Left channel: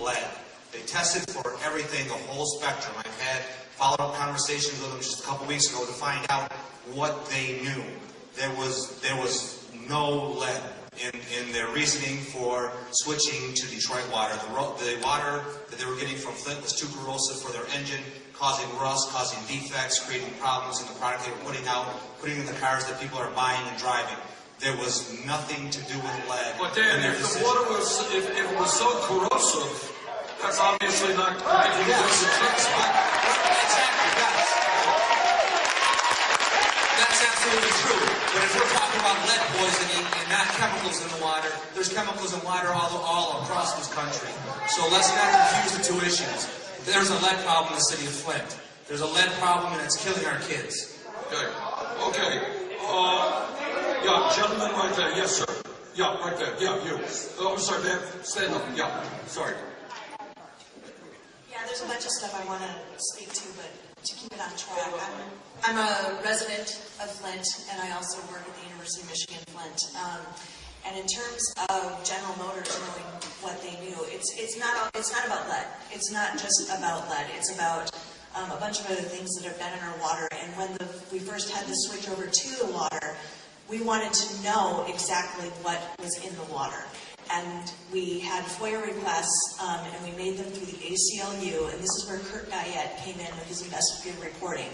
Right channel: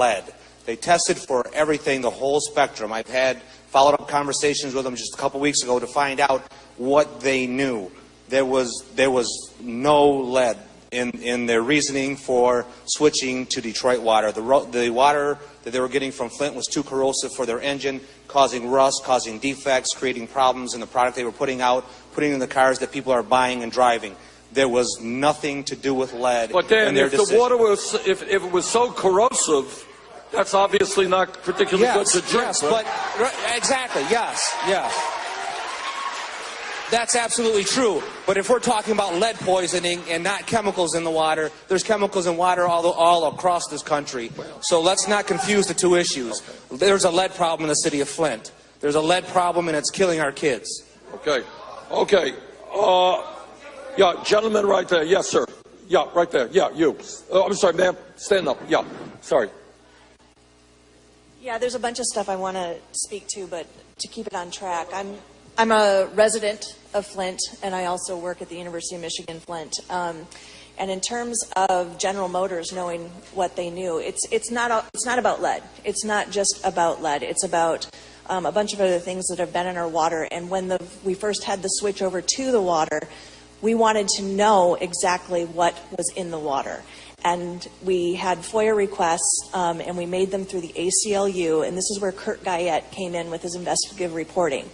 lead. They tested for everything, the whole spectrum. I've had followed-up conversations with them just a couple weeks ago to find out what they knew. There was no lead in their reasoning for switching to Detroit water. The water that they were getting from Flint was too corrosive for their engine, causing rust, causing defects, creating problems in the product they were putting out, putting in the cars that people are buying and driving. There was nothing to do with lead. But Dan, if the water was, if it was so corrosive, that's obviously not particularly good to drink. But, exactly, yes. That's absolutely true. But if we're talking about lead poisoning and not chemicals in the water, there's chemicals in water all across this country. So let's not confuse the two issues. There's a lead problem in the city of Flint. There's a lead problem and it's killing our kids. Okay. Yeah, gentleman right there. Yes, sir. Yeah, right there. Yeah, you. I'm sorry, ma'am. Stand up. Yeah, sorry. Yeah, there's a bunch of stuff I want to speak to, but to keep it on track, I'm a resident of Flint, and I also work at the University of Michigan, Flint. And in terms of General Motors knowing what they knew, it's not about lead. It's not just about lead. It's about a bunch of other things that have been in our water. And when we first had the switch over to the water, we wanted to know exactly what was in the water. And we had FOIA requests, and we made them through the ACLU, and this is where Kurt Guyette came in with his investigative reporting.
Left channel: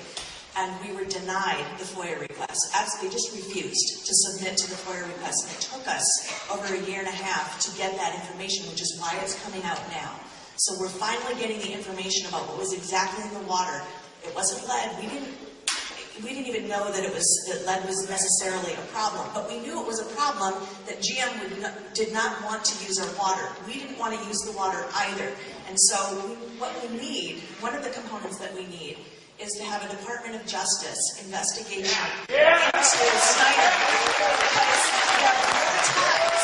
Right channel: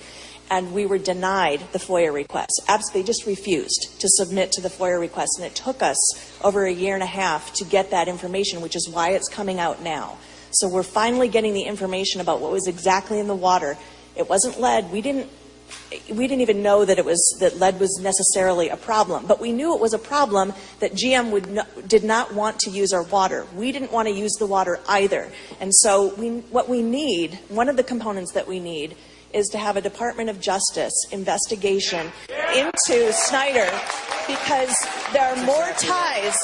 And we were denied the FOIA requests. Absolutely, just refused to submit to the FOIA requests, and it took us over 1.5 years to get that information, which is why it's coming out now. So we're finally getting the information about what was exactly in the water. It wasn't lead. We didn't even know that lead was necessarily a problem, but we knew it was a problem that GM did not want to use our water. We didn't want to use the water either. And so what we need, one of the components that we need, is to have a Department of Justice investigation into Snyder, because there are more ties.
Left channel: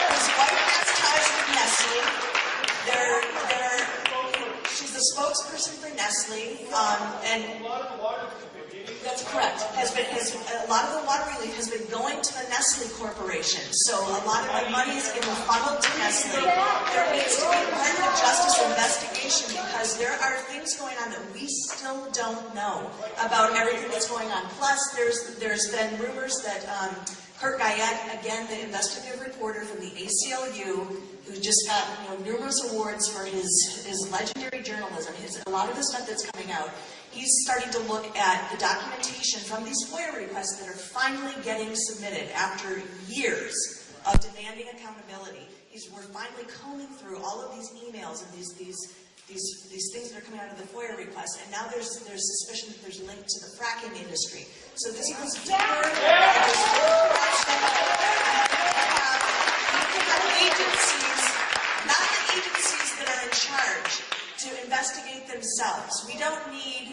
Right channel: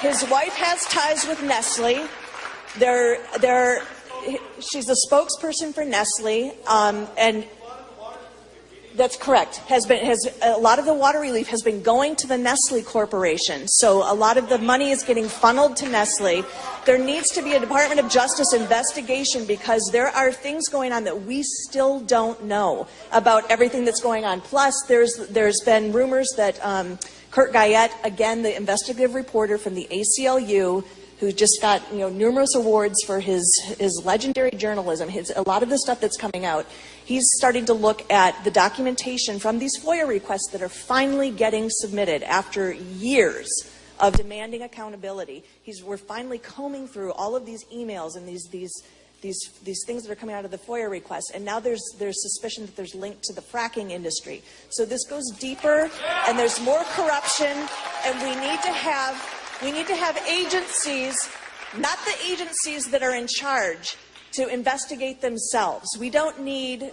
His wife has ties with Nestle. She's a spokesperson for Nestle, and that's correct. A lot of the water relief has been going to the Nestle Corporation, so a lot of the money is getting funneled to Nestle. There needs to be a Department of Justice investigation, because there are things going on that we still don't know about everything that's going on. Plus, there's been rumors that Kurt Guyette, again, the investigative reporter from the ACLU, who just got numerous awards for his legendary journalism, a lot of the stuff that's coming out. He's starting to look at the documentation from these FOIA requests that are finally getting submitted after years of demanding accountability. We're finally combing through all of these emails and these things that are coming out of the FOIA requests, and now there's suspicion that there's linked to the fracking industry. So this goes deeper, and there's more corruption, and we need to have agencies, not the agencies that are in charge, to investigate themselves. We don't need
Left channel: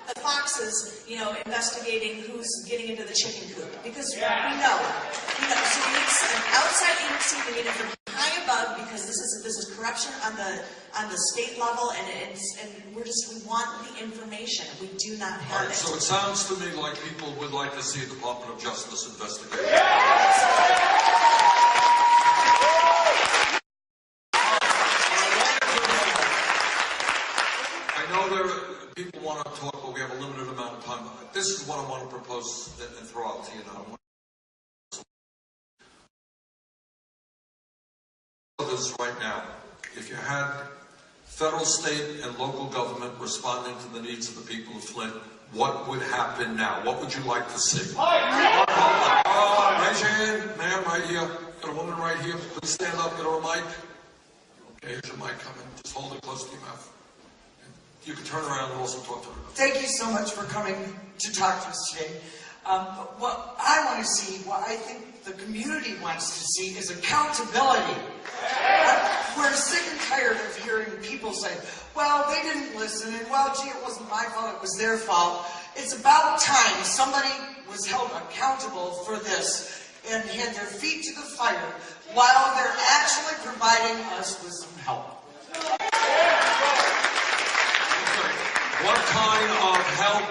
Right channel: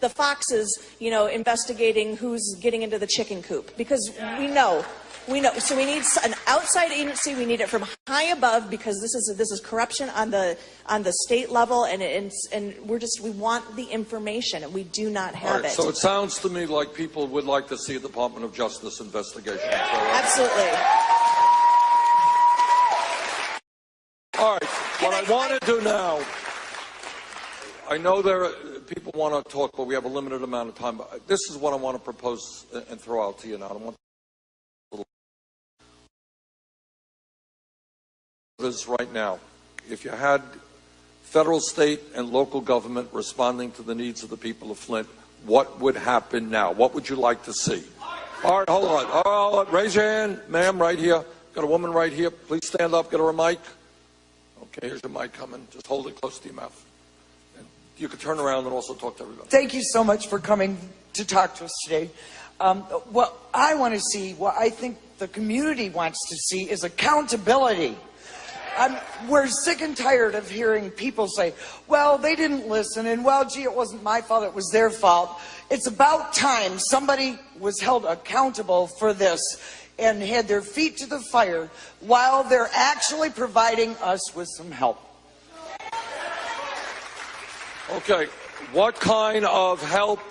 the foxes, investigating who's getting into the chicken coop, because we know. So we need an outside agency. We need it from high above, because this is corruption on the state level, and we want the information, and we do not have it. So it sounds to me like people would like to see a Department of Justice investigation. Absolutely. All right. What I want to do now, I know people want to talk, but we have a limited amount of time. This is what I want to propose and throw out to you now. I want this right now. If you had federal, state, and local government responding to the needs of the people of Flint, what would happen now? What would you like to see? Hold on. Raise your hand, ma'am, right here. Got a woman right here. Please stand up. Get her a mic. Okay, here's your mic coming. Just hold it close to your mouth. You can turn around and also talk to everybody. Thank you so much for coming to talk to us today. What I want to see, what I think the community wants to see, is accountability. We're sick and tired of hearing people say, well, they didn't listen, and well, gee, it wasn't my fault, it was their fault. It's about time somebody was held accountable for this and had their feet to the fire while they're actually providing us with some help. Okay, what kind of help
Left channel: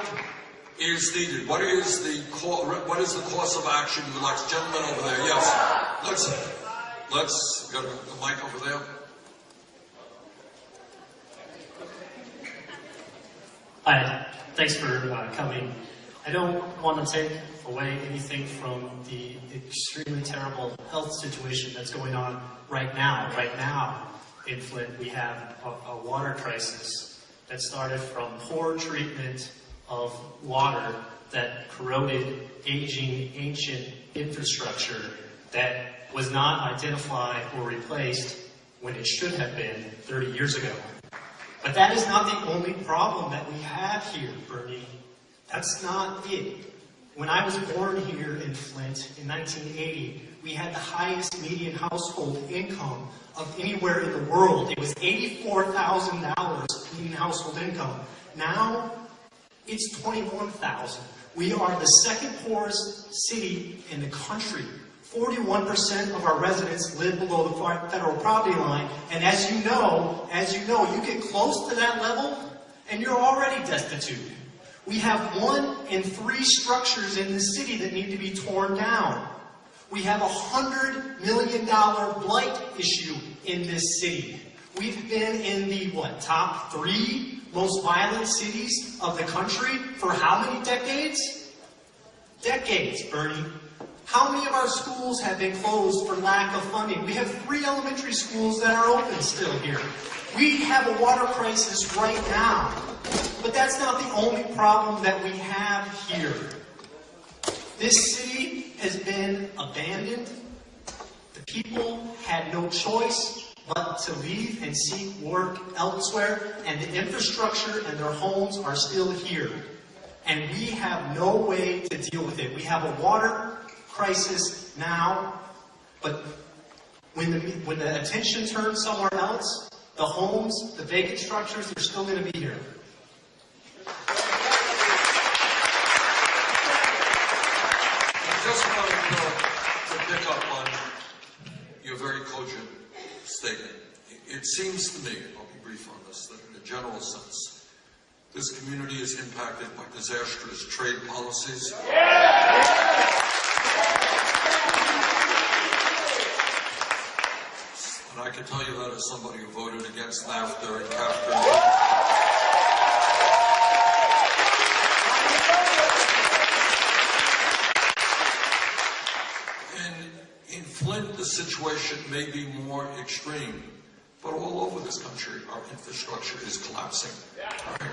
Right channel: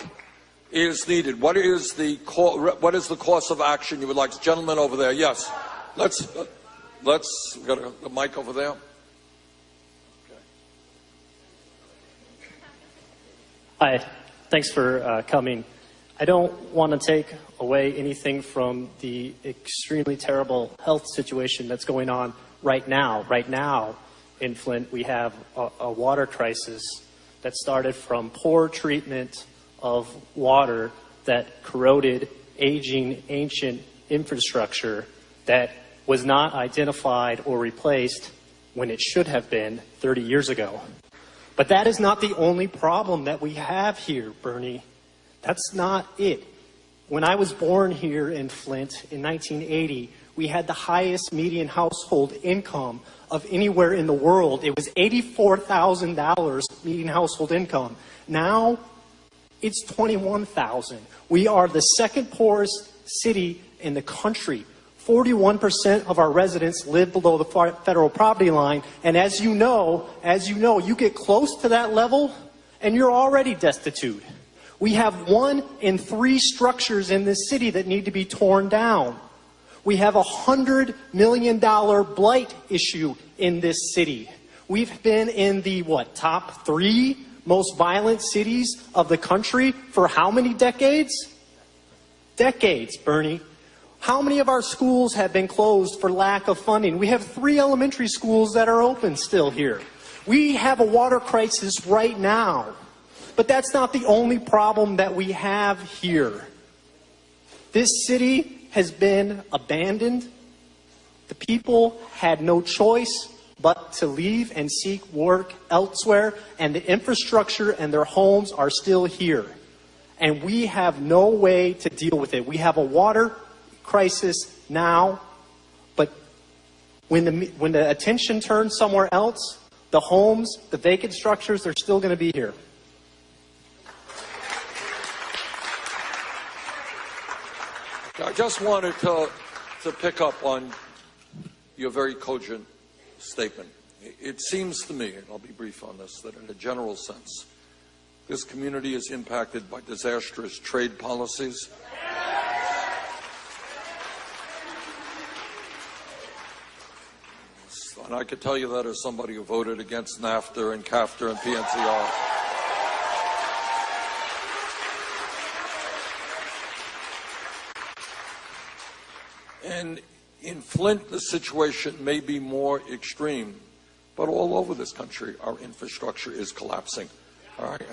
is needed? What is the course of action you would like? Gentleman over there, yes. Let's get a mic over there. Hi, thanks for coming. I don't want to take away anything from the extremely terrible health situation that's going on right now. Right now in Flint, we have a water crisis that started from poor treatment of water that corroded aging, ancient infrastructure that was not identified or replaced when it should have been 30 years ago. But that is not the only problem that we have here, Bernie. That's not it. When I was born here in Flint in 1980, we had the highest median household income of anywhere in the world. It was $84,000 median household income. Now, it's $21,000. We are the second poorest city in the country. 41% of our residents live below the federal poverty line, and as you know, you get close to that level, and you're already destitute. We have 1 in 3 structures in this city that need to be torn down. We have a $100 million blight issue in this city. We've been in the, top 3 most violent cities of the country for how many decades? Decades, Bernie. How many of our schools have been closed for lack of funding? We have 3 elementary schools that are open still here. We have a water crisis right now. But that's not the only problem that we have here. This city has been abandoned. The people had no choice but to leave and seek work elsewhere, and the infrastructure and their homes are still here. And we have no way to deal with it. We have a water crisis now, but when the attention turns somewhere else, the homes, the vacant structures, they're still going to be here. I just wanted to pick up on your very cogent statement. It seems to me, I'll be brief on this, that in a general sense, this community is impacted by disastrous trade policies. And I can tell you that as somebody who voted against NAFTA and CAFTA and BNCR. And in Flint, the situation may be more extreme, but all over this country, our infrastructure is collapsing.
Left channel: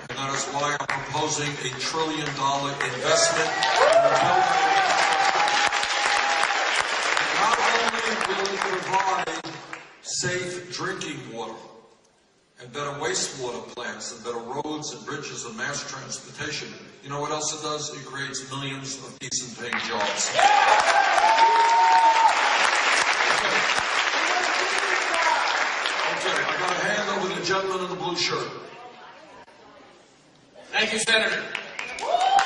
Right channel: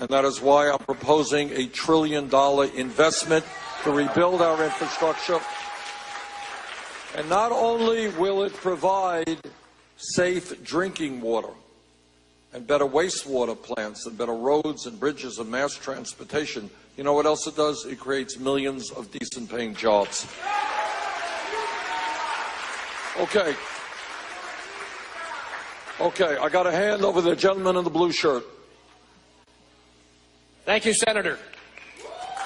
And that is why I'm proposing $1 trillion investment to rebuild our infrastructure. And not only will it provide safe drinking water and better wastewater plants and better roads and bridges and mass transportation, you know what else it does? It creates millions of decent paying jobs. Okay, I got a hand over the gentleman in the blue shirt. Thank you, Senator.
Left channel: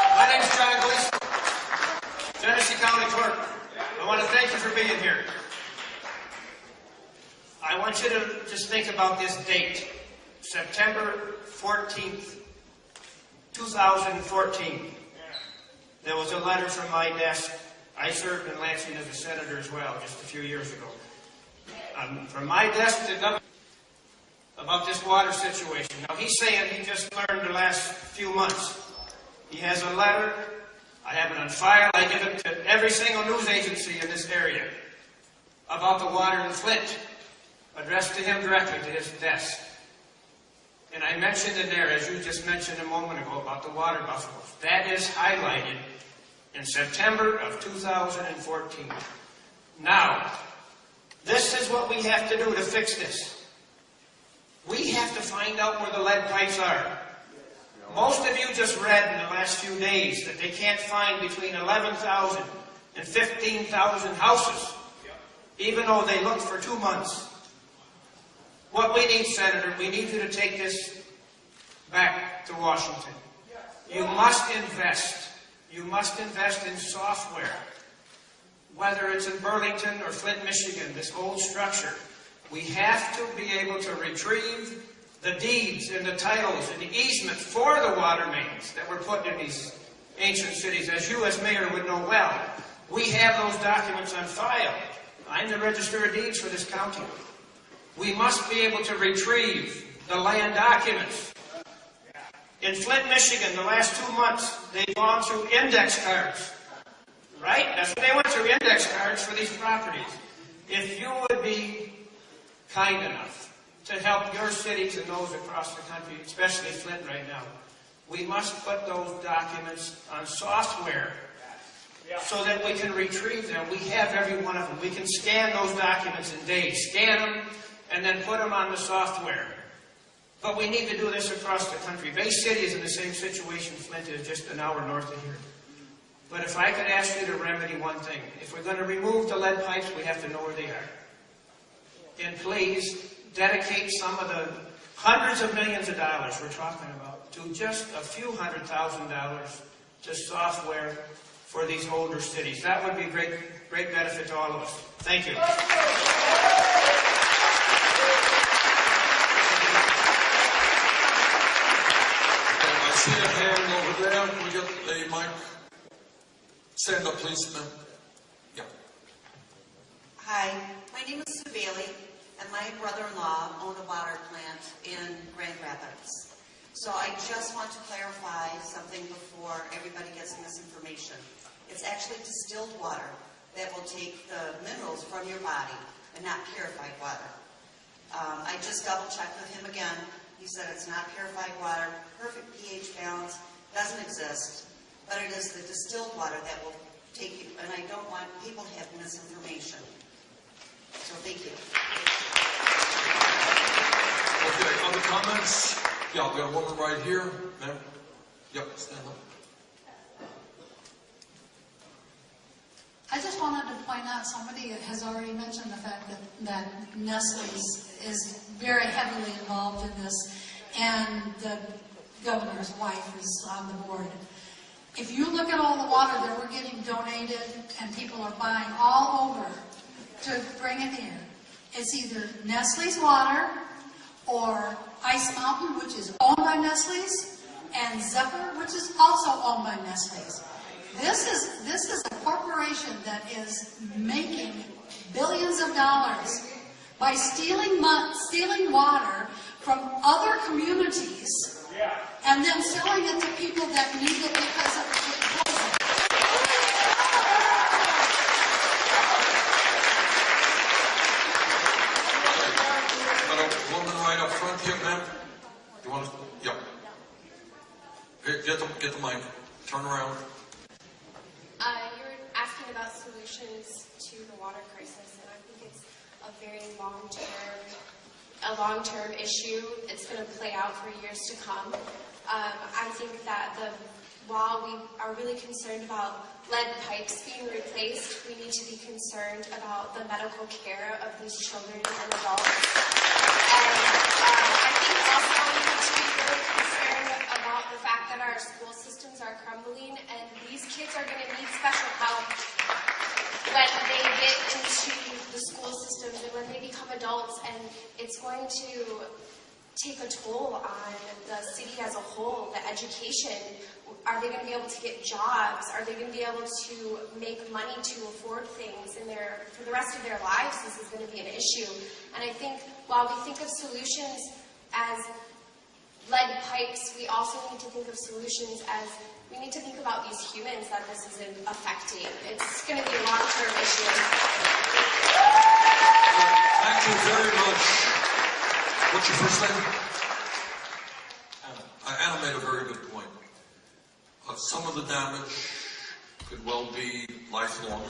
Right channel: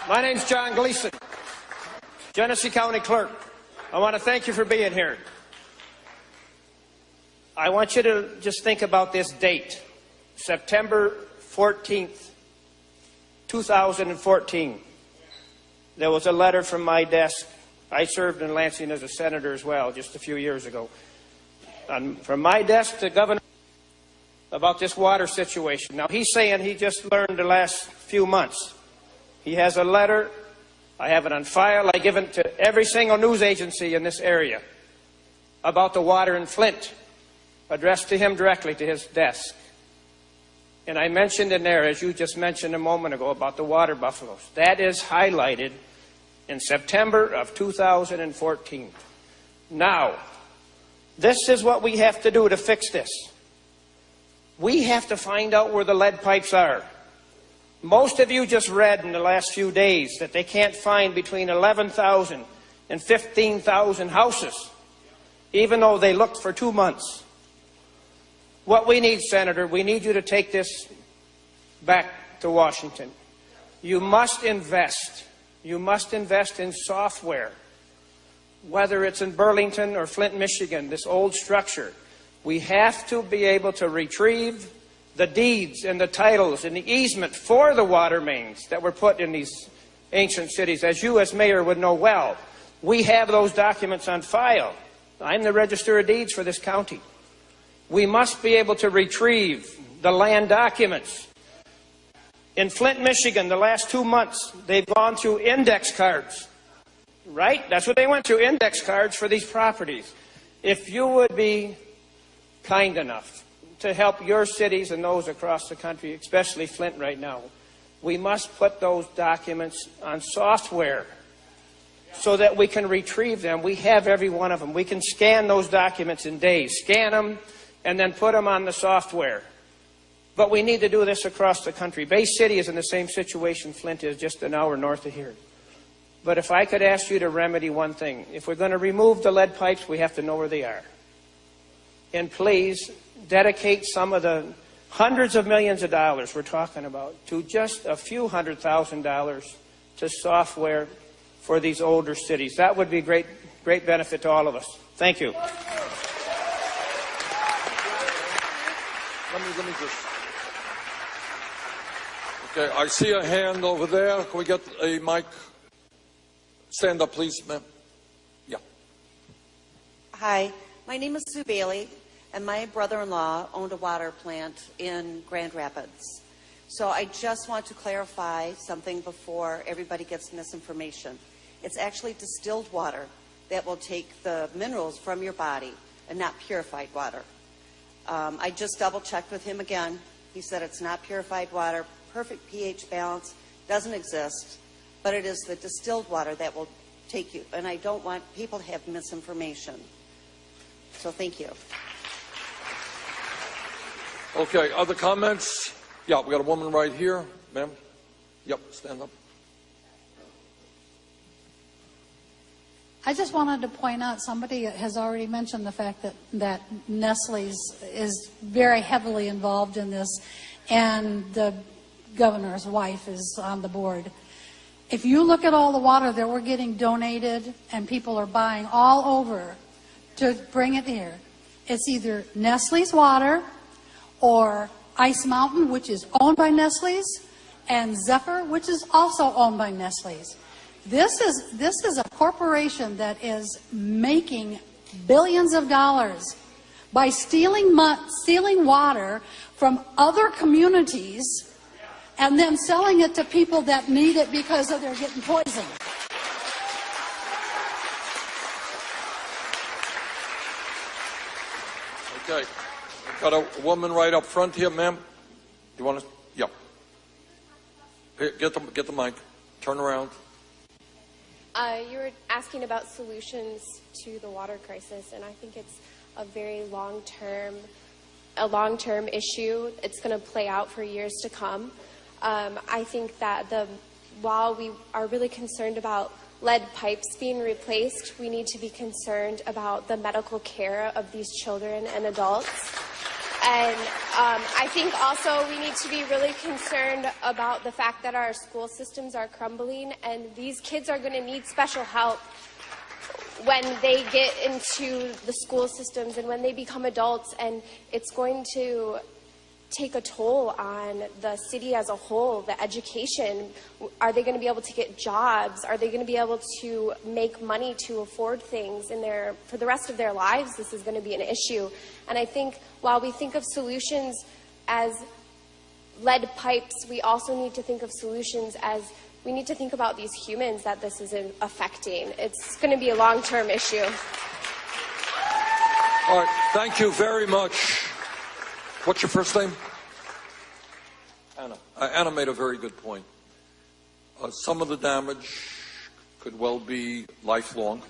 My name's John Gleason, Genesee County Clerk. I want to thank you for being here. I want you to just think about this date, September 14th, 2014. There was a letter from my desk. I served in Lansing as a senator as well just a few years ago. From my desk to Governor about this water situation. Now, he's saying he just learned the last few months. He has a letter. I have it on file. I give it to every single news agency in this area about the water in Flint, addressed to him directly to his desk. And I mentioned in there, as you just mentioned a moment ago, about the water buffaloes. That is highlighted in September of 2014. Now, this is what we have to do to fix this. We have to find out where the lead pipes are. Most of you just read in the last few days that they can't find between 11,000 and 15,000 houses, even though they looked for 2 months. What we need, Senator, we need you to take this back to Washington. You must invest. You must invest in software. Whether it's in Burlington or Flint, Michigan, this old structure, we have to be able to retrieve the deeds and the titles and the easement for the water mains that were put in these ancient cities. As you as mayor would know well, we have those documents on file. I'm the Register of Deeds for this county. We must be able to retrieve the land documents In Flint, Michigan, the last 2 months, they've gone through index cards. Right? That's what they went through, index cards for these properties. If you would be kind enough to help your cities and those across the country, especially Flint right now, we must put those documents on software so that we can retrieve them. We have every one of them. We can scan those documents in days, scan them, and then put them on the software. But we need to do this across the country. Bay City is in the same situation Flint is, just an hour north of here. But if I could ask you to remedy one thing, if we're going to remove the lead pipes, we have to know where they are. And please dedicate some of the hundreds of millions of dollars we're talking about to just a few $100,000 to software for these older cities. That would be great benefit to all of us. Thank you. Okay, I see a hand over there. Can we get a mic? Stand up, please, ma'am. Yeah. Hi, my name is Sue Bailey, and my brother-in-law owned a water plant in Grand Rapids. So I just want to clarify something before everybody gets misinformation. It's actually distilled water that will take the minerals from your body and not purified water. I just double-checked with him again. He said it's not purified water, perfect pH balance, doesn't exist, but it is the distilled water that will take you. And I don't want people to have misinformation. So thank you. Okay, other comments? Yeah, we've got a woman right here, ma'am. Yep, stand up. I just wanted to point out, somebody has already mentioned the fact that Nestle's is very heavily involved in this, and the governor's wife is on the board. If you look at all the water that we're getting donated and people are buying all over to bring it here, it's either Nestle's water or Ice Mountain, which is owned by Nestle's, and Zephyr, which is also owned by Nestle's. This is a corporation that is making billions of dollars by stealing water from other communities and then selling it to people that need it because they're getting poisoned. Okay. Got a woman right up front here, ma'am. You want to? Yeah. Here, get the mic. Turn around. You were asking about solutions to the water crisis, and I think it's a very long-term issue. It's going to play out for years to come. I think that while we are really concerned about lead pipes being replaced, we need to be concerned about the medical care of these children and adults. And I think also we need to be really concerned about the fact that our school systems are crumbling, and these kids are going to need special help when they get into the school systems and when they become adults, and it's going to take a toll on the city as a whole. The education, are they going to be able to get jobs? Are they going to be able to make money to afford things for the rest of their lives? This is going to be an issue. And I think while we think of solutions as lead pipes, we also need to think of solutions as we need to think about these humans that this is affecting. It's going to be a long-term issue. All right, thank you very much. What's your first name? Anna. Anna made a very good point. Some of the damage could well be lifelong,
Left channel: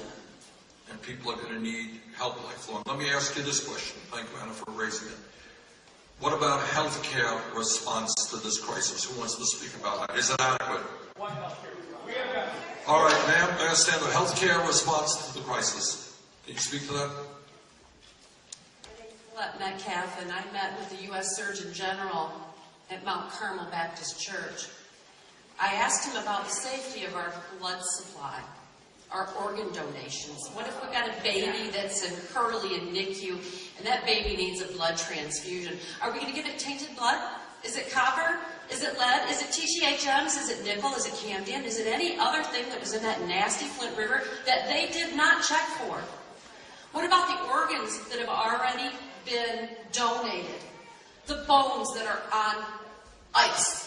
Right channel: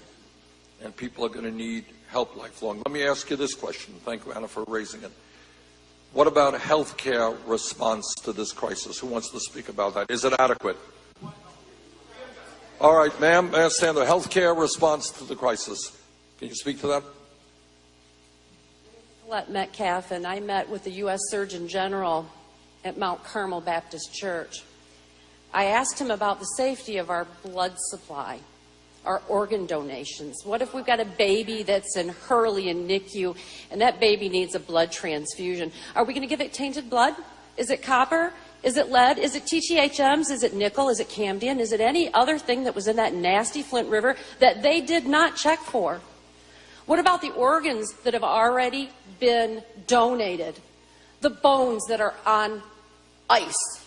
and people are going to need help lifelong. Let me ask you this question. Thank you, Anna, for raising it. What about healthcare response to this crisis? Who wants to speak about that? Is it adequate? All right, ma'am, Sandra, healthcare response to the crisis. Can you speak to that? Flint Metcalf, and I met with the U.S. Surgeon General at Mount Carmel Baptist Church. I asked him about the safety of our blood supply, our organ donations. What if we've got a baby that's in Hurley and NICU, and that baby needs a blood transfusion? Are we going to give it tainted blood? Is it copper? Is it lead? Is it TTHMs? Is it nickel? Is it cambium? Is it any other thing that was in that nasty Flint River that they did not check for? What about the organs that have already been donated? The bones that are on ice?